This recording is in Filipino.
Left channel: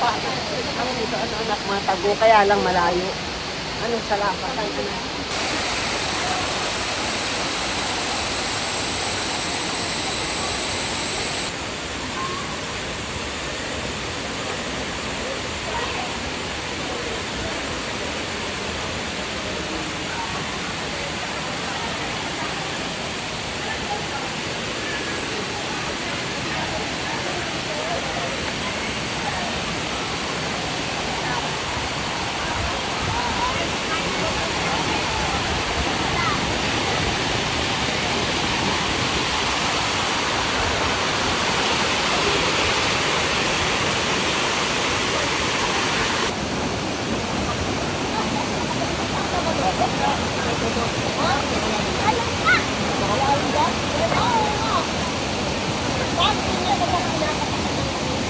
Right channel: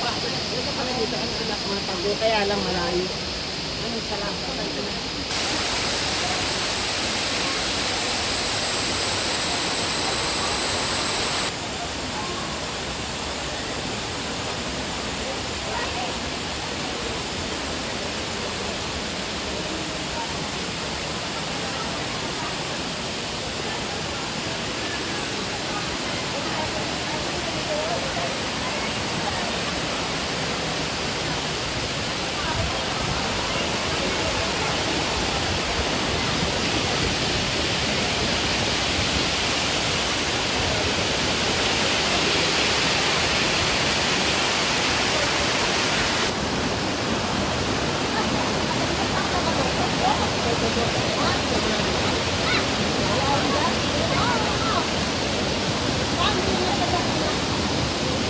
Ito kami dito, ano anak, mga tago, kaya lang malayo. Ano, salamat.